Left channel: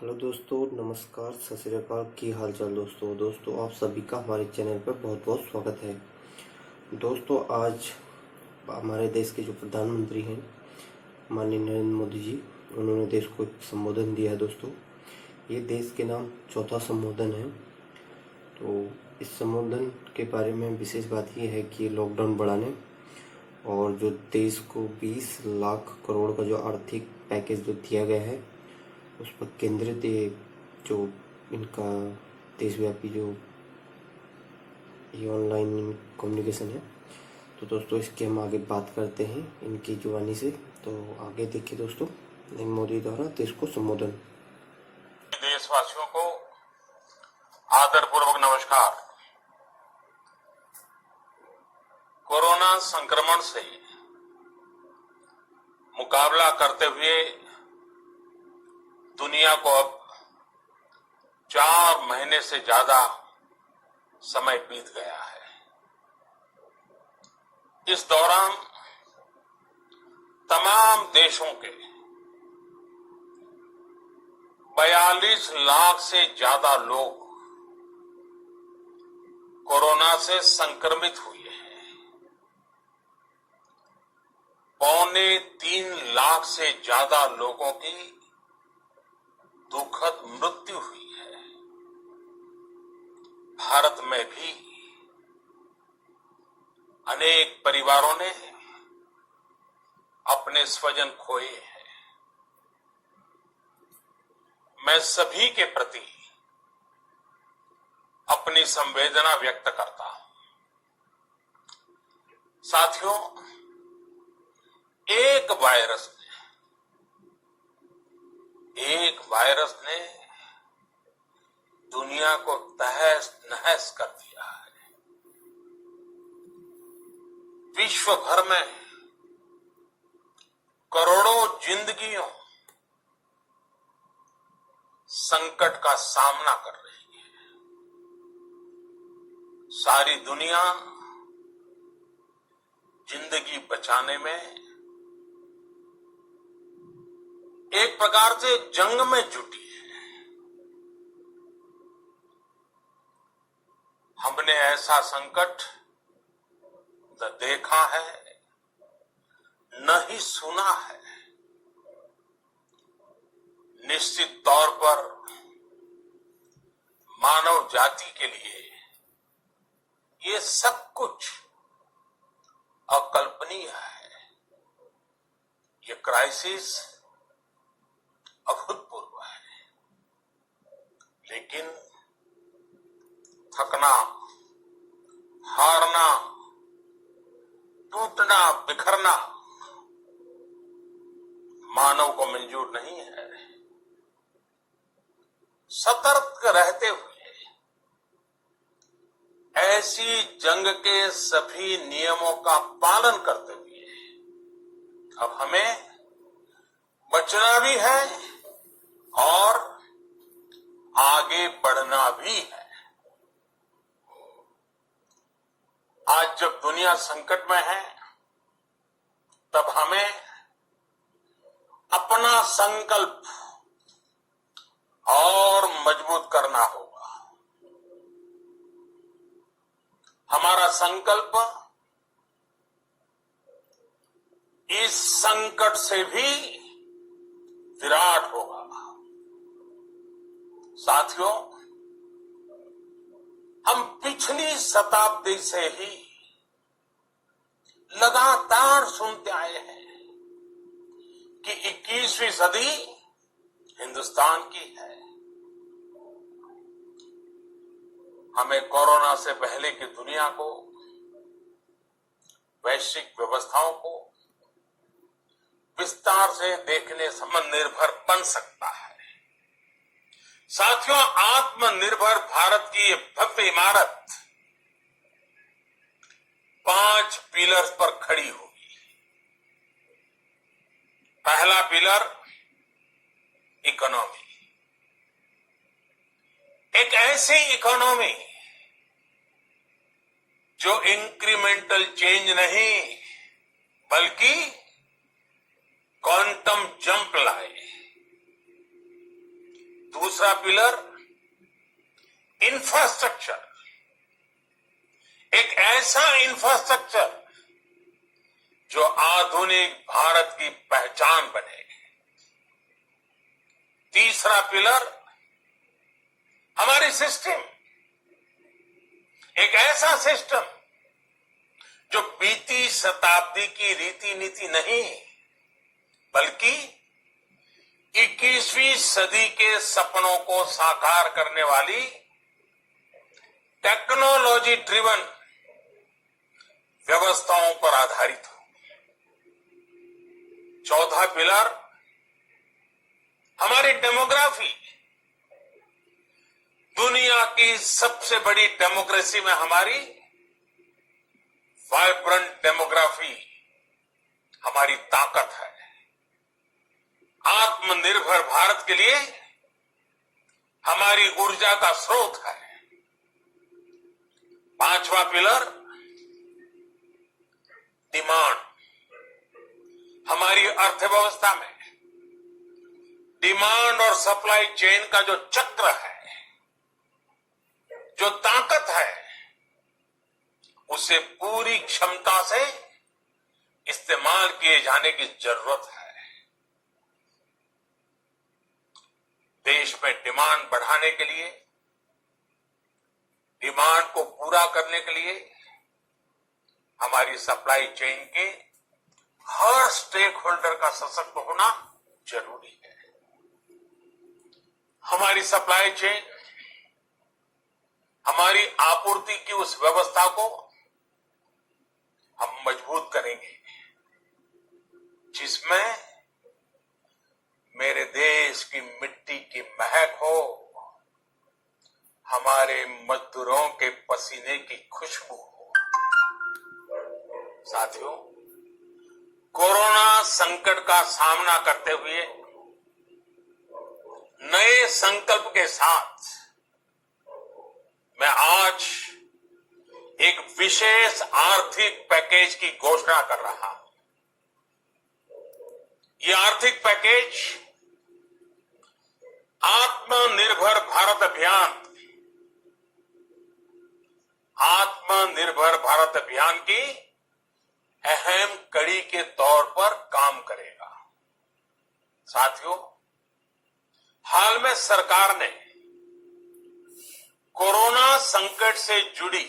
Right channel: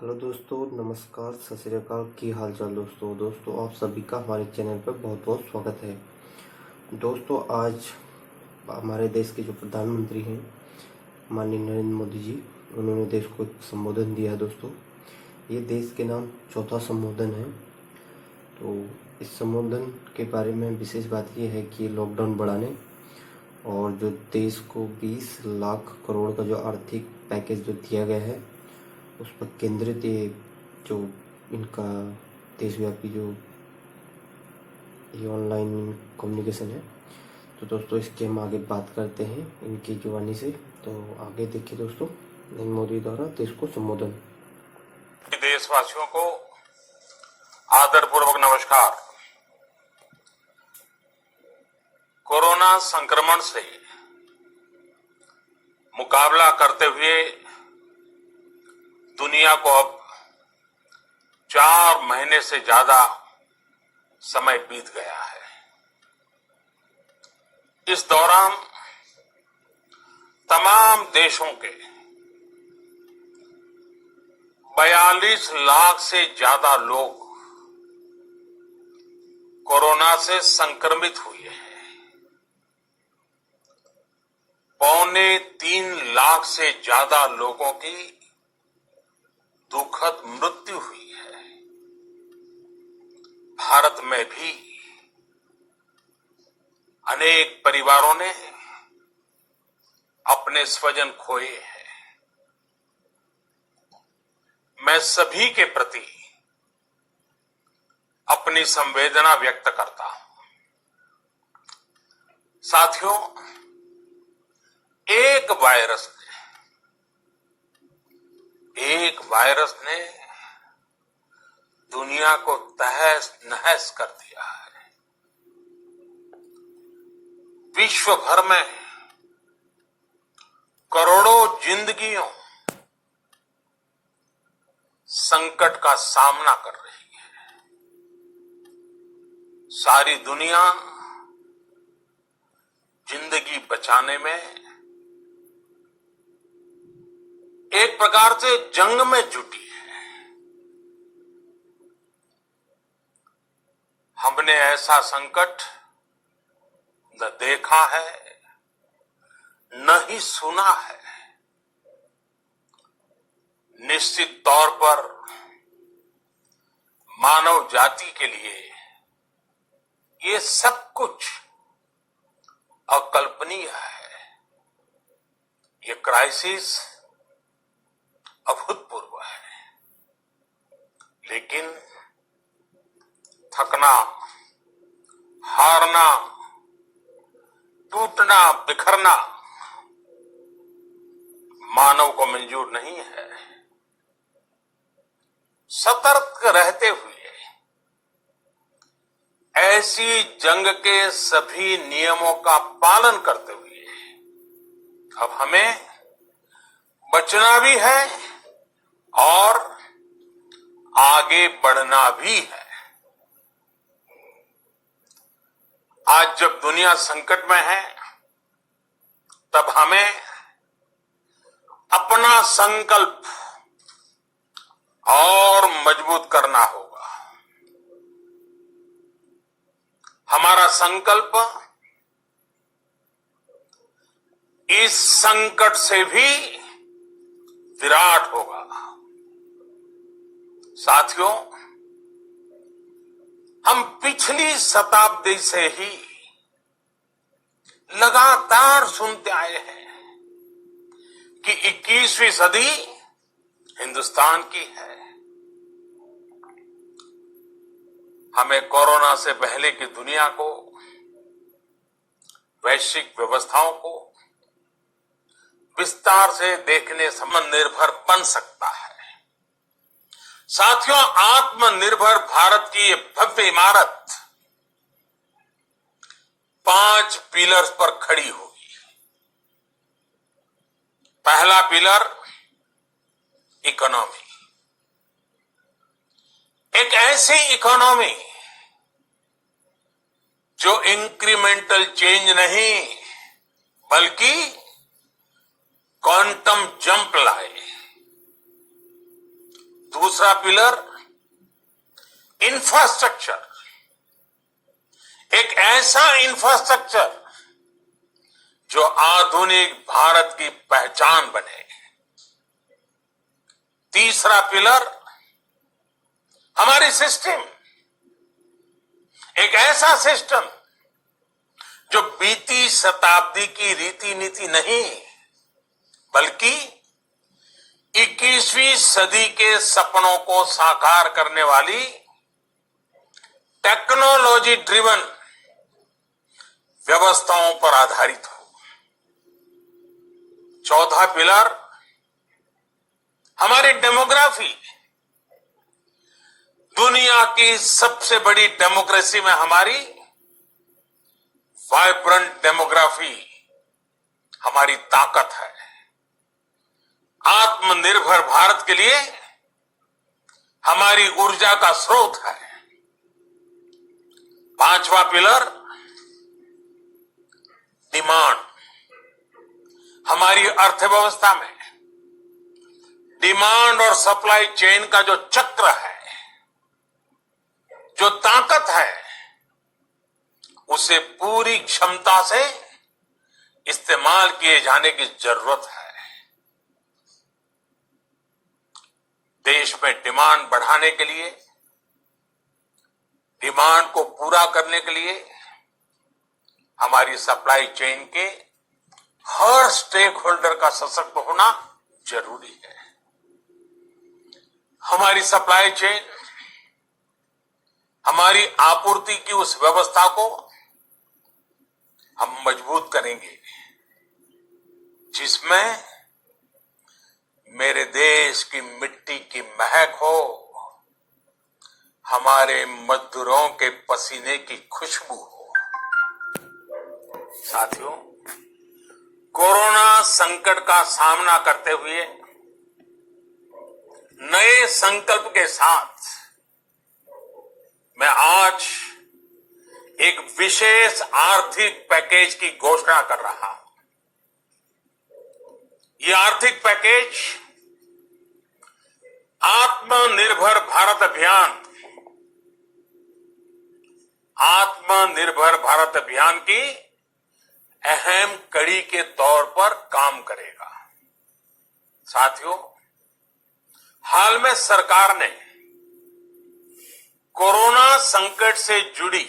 Hello दोस्तों, नमस्कार, सत श्री अकाल। की हाल चाल दोस्तों आप सभी का हमारे चैनल पर बहुत बहुत स्वागत है। दोस्तों, आज हमारे देश के जो प्रधानमंत्री हैं माननीय नरेंद्र मोदी जी, उन्होंने देश को एक संबोधन दिया है। दोस्तों, ये देश के नाम चौथा संबोधन है। तो इस संबोधन के बारे में विशेष बात ये है कि लॉकडाउन बढ़ाने और जो देश को 20 लाख करोड़ का जो आर्थिक पैकेज जो दिया गया है उस पर केंद्रित ये जो इनका देशव्यापी जो ये ऑनलाइन कम्युनिकेशन है। तो दोस्तों, इसके हम आगे बात करते हैं इनकी जुबानी से। तो आगे देखिए दोस्तों, नरेंद्र मोदी द्वारा देश को संबोधन। देशवासियों को आदरपूर्वक नमस्कार। कोरोना संक्रमण से मुकाबला करते हुए दुनिया को अब 4 महीने से ज्यादा समय बीत गया है। इस दौरान तमाम देशों के 42 लाख से ज्यादा लोग कोरोना से संक्रमित हुए हैं। 2.25 लाख से ज्यादा लोगों की दुखद मृत्यु हुई है। भारत में भी अनेक परिवारों ने अपने स्वजन खोए हैं। मैं सभी के प्रति अपनी संवेदना व्यक्त करता हूं। साथियों, एक वायरस ने दुनिया को तहस नहस कर दिया है। विश्व भर में करोड़ों जिंदगियों संकट का सामना कर रही है। सारी दुनिया जिंदगी बचाने में एक प्रकार से जंग में जुटी है। हमने ऐसा संकट न देखा है, न ही सुना है। निश्चित तौर पर मानव जाति के लिए ये सब कुछ अकल्पनीय है। ये क्राइसिस अभूतपूर्व है। लेकिन थकना, हारना, टूटना, बिखरना मानव को मंजूर नहीं है। सतर्क रहते हुए ऐसी जंग के सभी नियमों का पालन करते हुए अब हमें बचना भी है और आगे बढ़ना भी है। आज जब दुनिया संकट में है, तब हमें अपना संकल्प और मजबूत करना होगा। हमारा संकल्प इस संकट से भी विराट होगा। साथियों, हम पिछली शताब्दी से ही लगातार सुनते आए हैं कि 21वीं सदी हिंदुस्तान की है। हमें कोरोना से पहले की दुनिया को, वैश्विक व्यवस्थाओं को विस्तार से देखने से आत्मनिर्भर बन सकता है। साथियों, आत्मनिर्भर भारत की ये भव्य इमारत 5 पिलर्स पर खड़ी होगी। पहला पिलर इकोनॉमी। एक ऐसी इकोनॉमी जो इंक्रीमेंटल चेंज नहीं बल्कि क्वांटम जंप लाए। दूसरा पिलर इंफ्रास्ट्रक्चर, एक ऐसा इंफ्रास्ट्रक्चर जो आधुनिक भारत की पहचान बने। तीसरा पिलर हमारी सिस्टम, एक ऐसा सिस्टम जो बीती शताब्दी की रीति नीति नहीं बल्कि 21वीं सदी के सपनों को साकार करने वाली टेक्नोलॉजी ड्रिवन व्यवस्थाओं पर आधारित हो। चौथा पिलर हमारी डेमोग्राफी, दुनिया की सबसे बड़ी डेमोक्रेसी में हमारी वाइब्रेंट डेमोग्राफी हमारी ताकत है। आत्मनिर्भर भारत के लिए हमारी ऊर्जा का स्रोत है। पांचवा पिलर डिमांड, हमारी अर्थव्यवस्था में डिमांड और सप्लाई चेन का जो चक्र है, जो ताकत है, उसे पूरी क्षमता से इस्तेमाल किए जाने की जरूरत है। देश में डिमांड बढ़ाने के लिए, डिमांड को पूरा करने के लिए हमारी सप्लाई चेन के हर स्टेक होल्डर का सशक्त होना जरूरी है। हमारी सप्लाई चेन, हमारी आपूर्ति की उस व्यवस्था को हम मजबूत करेंगे जिसमें मेरे देश की मिट्टी की महक हो, हमारे मजदूरों के पसीने की खुशबू हो। साथियों, कोरोना संकट का सामना करते हुए नए संकल्प के साथ मैं आज एक विशेष आर्थिक पैकेज की घोषणा कर रहा हूं। ये आर्थिक पैकेज आत्मनिर्भर भारत अभियान, आत्मनिर्भर भारत अभियान की अहम कड़ी के तौर पर काम करेगा। साथियों, हाल में सरकार ने कोरोना संकट से जुड़ी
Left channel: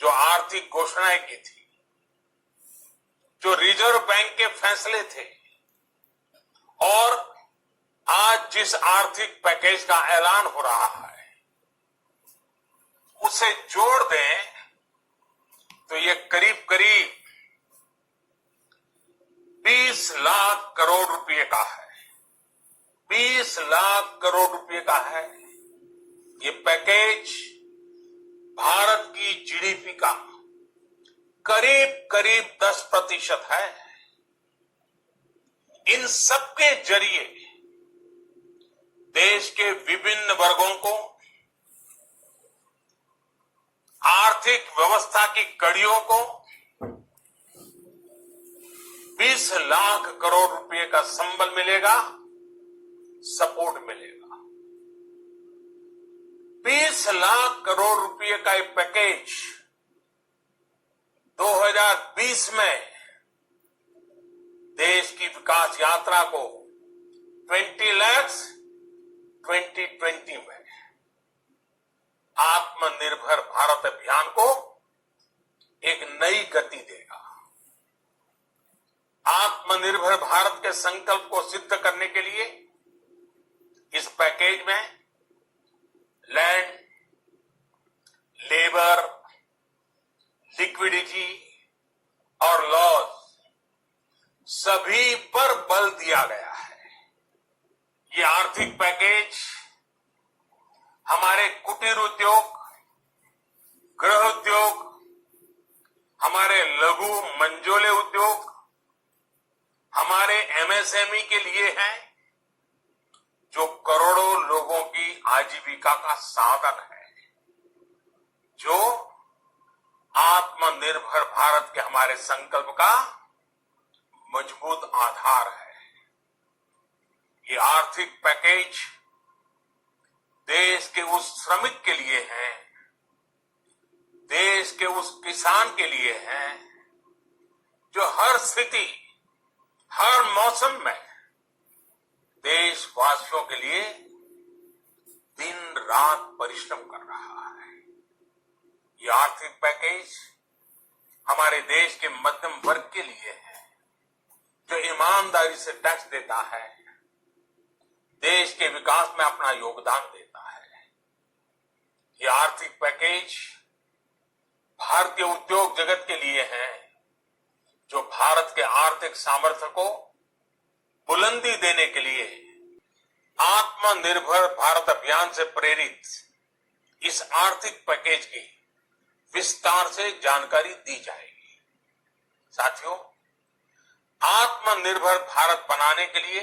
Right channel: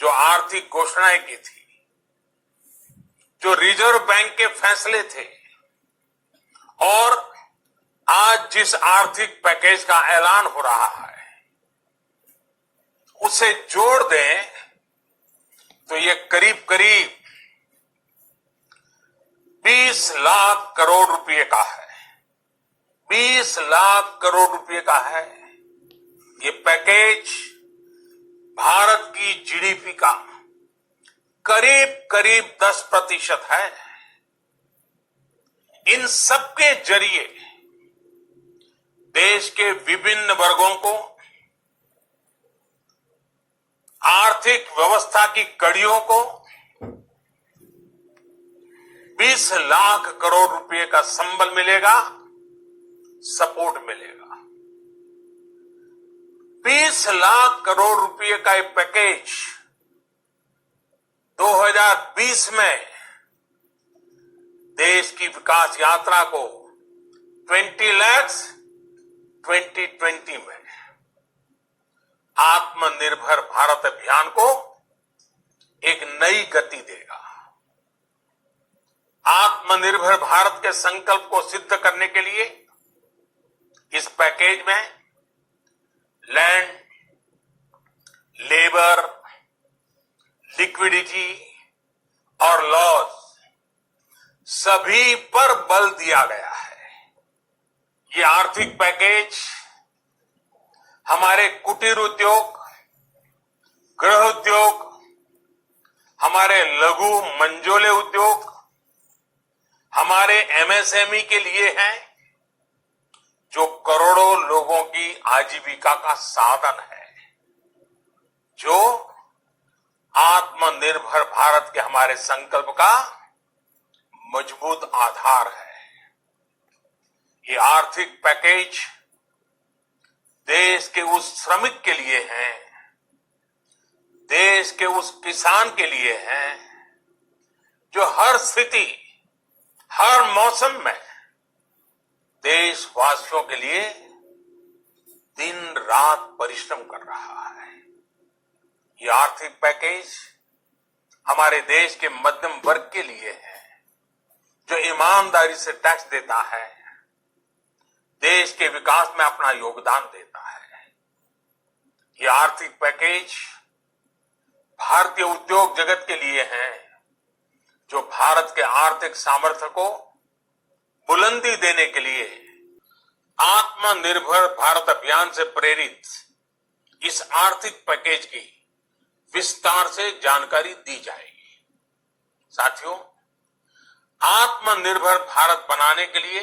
जो आर्थिक घोषणाएं की थी, जो रिजर्व बैंक के फैसले थे और आज जिस आर्थिक पैकेज का ऐलान हो रहा है, उसे जोड़ दें तो ये करीब करीब 20 लाख करोड़ रुपए का है। 20 लाख करोड़ रुपए का है। ये पैकेज भारत की जीडीपी का करीब करीब 10% है। इन सबके जरिए देश के विभिन्न वर्गों को आर्थिक व्यवस्था की कड़ियों को 20 लाख करोड़ रुपए का संबल मिलेगा, सपोर्ट मिलेगा। 20 लाख करोड़ रुपए का ये पैकेज 2020 में देश की विकास यात्रा को 20 लाख 2020 में आत्मनिर्भर भारत अभियान को एक नई गति देगा। आत्मनिर्भर भारत के संकल्प को सिद्ध करने के लिए इस पैकेज में लैंड, लेबर, लिक्विडिटी और लॉस सभी पर बल दिया गया है। ये आर्थिक पैकेज हमारे कुटीर उद्योग, गृह उद्योग, हमारे लघु मंझोले उद्योग, हमारे एमएसएमई के लिए है, जो करोड़ों लोगों की आजीविका का साधन है, जो आत्मनिर्भर भारत के हमारे संकल्प का मजबूत आधार है। ये आर्थिक पैकेज देश के उस श्रमिक के लिए हैं, देश के उस किसान के लिए हैं जो हर स्थिति, हर मौसम में देशवासियों के लिए दिन रात परिश्रम कर रहा है। ये आर्थिक पैकेज हमारे देश के मध्यम वर्ग के लिए है, जो ईमानदारी से टैक्स देता है, देश के विकास में अपना योगदान देता है। ये आर्थिक पैकेज भारतीय उद्योग जगत के लिए है, जो भारत के आर्थिक सामर्थ्य को बुलंदी देने के लिए आत्मनिर्भर भारत अभियान से प्रेरित इस आर्थिक पैकेज की विस्तार से जानकारी दी जाएगी। साथियों, आत्मनिर्भर भारत बनाने के लिए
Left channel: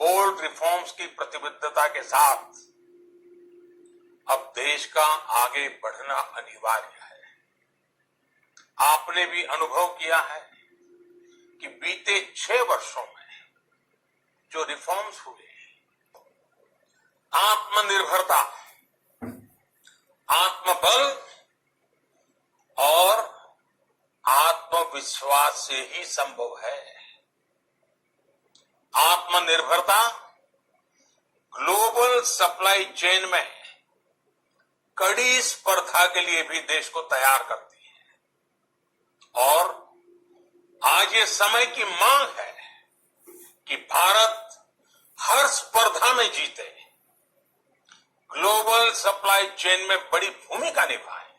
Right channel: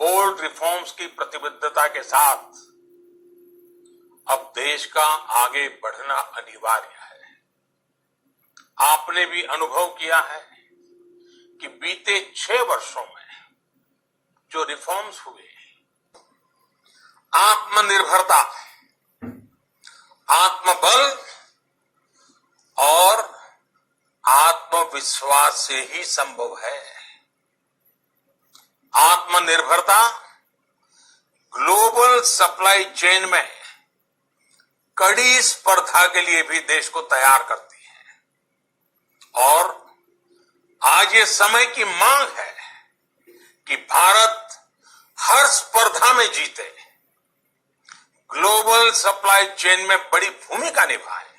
बोल्ड रिफॉर्म्स की प्रतिबद्धता के साथ अब देश का आगे बढ़ना अनिवार्य है। आपने भी अनुभव किया है कि बीते 6 वर्षों में जो रिफॉर्म्स हुए, आत्मनिर्भरता, आत्मबल और आत्मविश्वास से ही संभव है। आत्मनिर्भरता ग्लोबल सप्लाई चेन में कड़ी स्पर्धा के लिए भी देश को तैयार करती है और आज ये समय की मांग है कि भारत हर स्पर्धा में जीते, ग्लोबल सप्लाई चेन में बड़ी भूमिका निभाए।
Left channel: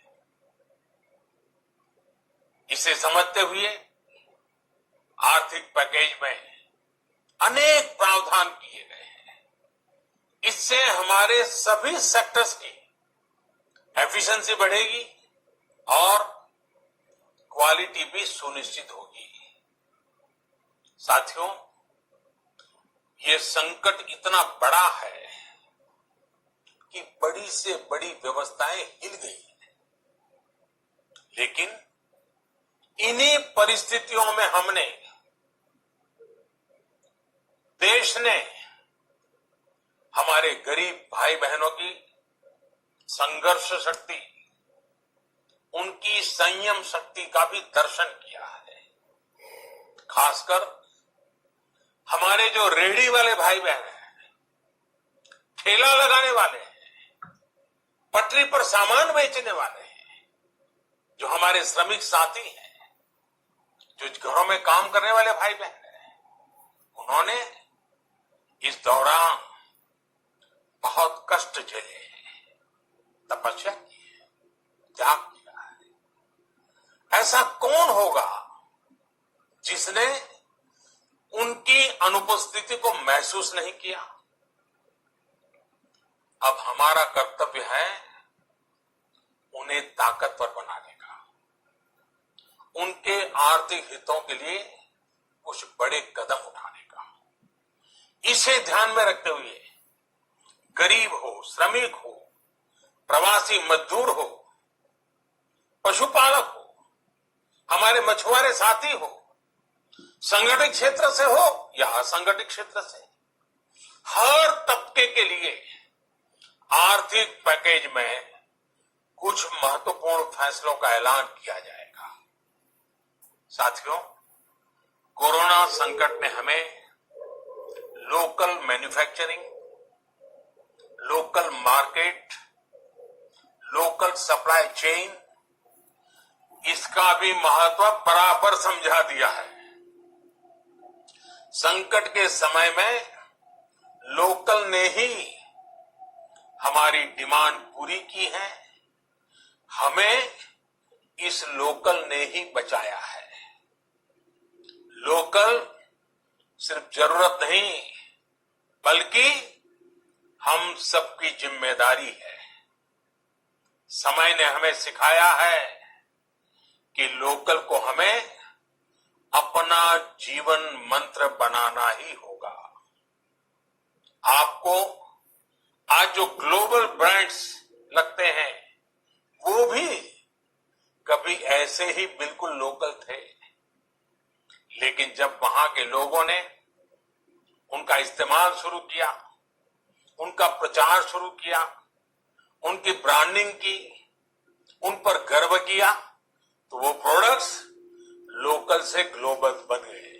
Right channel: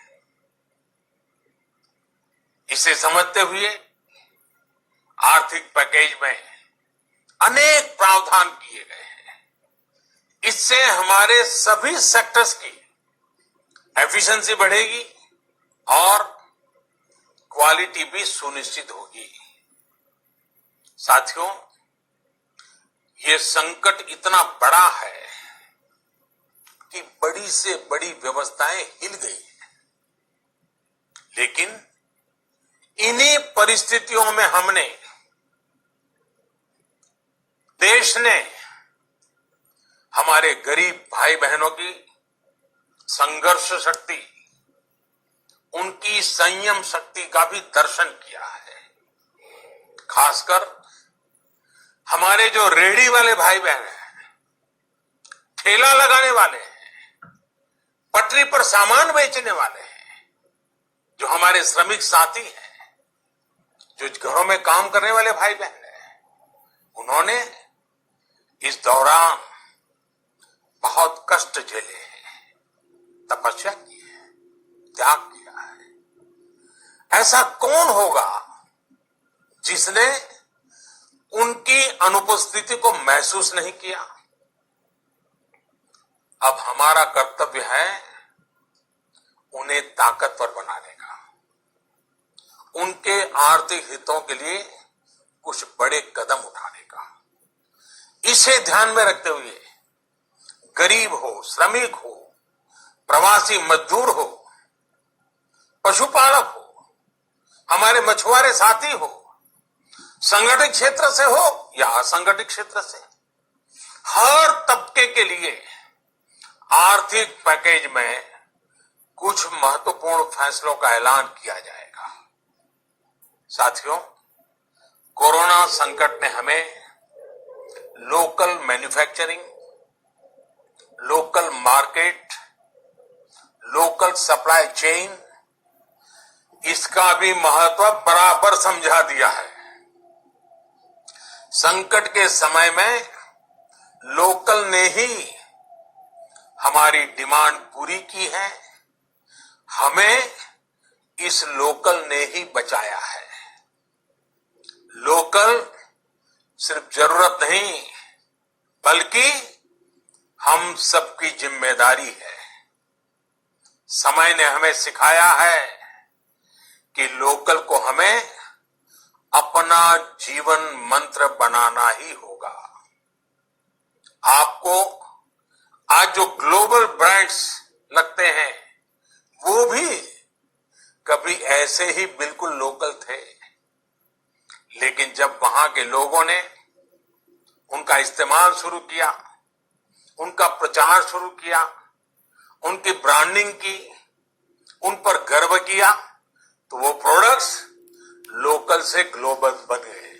इसे समझते हुए आर्थिक पैकेज में अनेक प्रावधान किए गए हैं। इससे हमारे सभी सेक्टर्स की एफिशिएंसी बढ़ेगी और क्वालिटी भी सुनिश्चित होगी। साथियों, ये संकट इतना बड़ा है कि बड़ी से बड़ी व्यवस्थाएं हिल गई हैं। लेकिन इन्हीं परिस्थितियों में हमने, देश ने हमारे गरीब भाई बहनों की संघर्ष शक्ति, उनकी संयम शक्ति का भी दर्शन किया है। खासकर हमारे जो रेहड़ी वाले भाई बहन हैं, ठेला लगाने वाले हैं, पटरी पर सामान बेचने वाले हैं, जो हमारे श्रमिक साथी हैं, जो घरों में काम करने वाले भाई बहन हैं, उन्होंने इस दौरान बहुत कष्ट झेले हैं, तपस्या की है, त्याग किया है। ऐसा कौन होगा जिसने उनकी अनुपस्थिति को महसूस नहीं किया? अब हमारा कर्तव्य है उन्हें ताकतवर बनाने का, उनके आर्थिक हितों के लिए कुछ बड़े कदम उठाने का। इसे ध्यान में रखते हुए गरीब हो, श्रमिक हो, प्रवासी मजदूर हो, पशुपालक हो, हमारे मछुआरे साथी हो, संगठित क्षेत्र से हो या असंगठित क्षेत्र से, हर तबके के लिए आर्थिक पैकेज में कुछ महत्वपूर्ण फैसलों का ऐलान किया जाएगा। साथियों, कोरोना संकट ने हमें local manufacturing, local market, local supply chain, इसका भी महत्व बराबर समझा दिया है। संकट के समय में लोकल ने ही हमारी डिमांड पूरी की है, हमें इस लोकल ने ही बचाया है। लोकल सिर्फ जरूरत नहीं, बल्कि हम सबकी जिम्मेदारी है। समय ने हमें सिखाया है कि लोकल को हमें अपना जीवन मंत्र बनाना ही होगा। आपको आज जो ग्लोबल ब्रांड्स लगते हैं, वो भी कभी ऐसे ही बिल्कुल लोकल थे, लेकिन जब वहां के लोगों ने उनका इस्तेमाल शुरू किया, उनका प्रचार शुरू किया, उनकी ब्रांडिंग की, उन पर गर्व किया, तो वो प्रोडक्ट्स लोकल से ग्लोबल बन गए।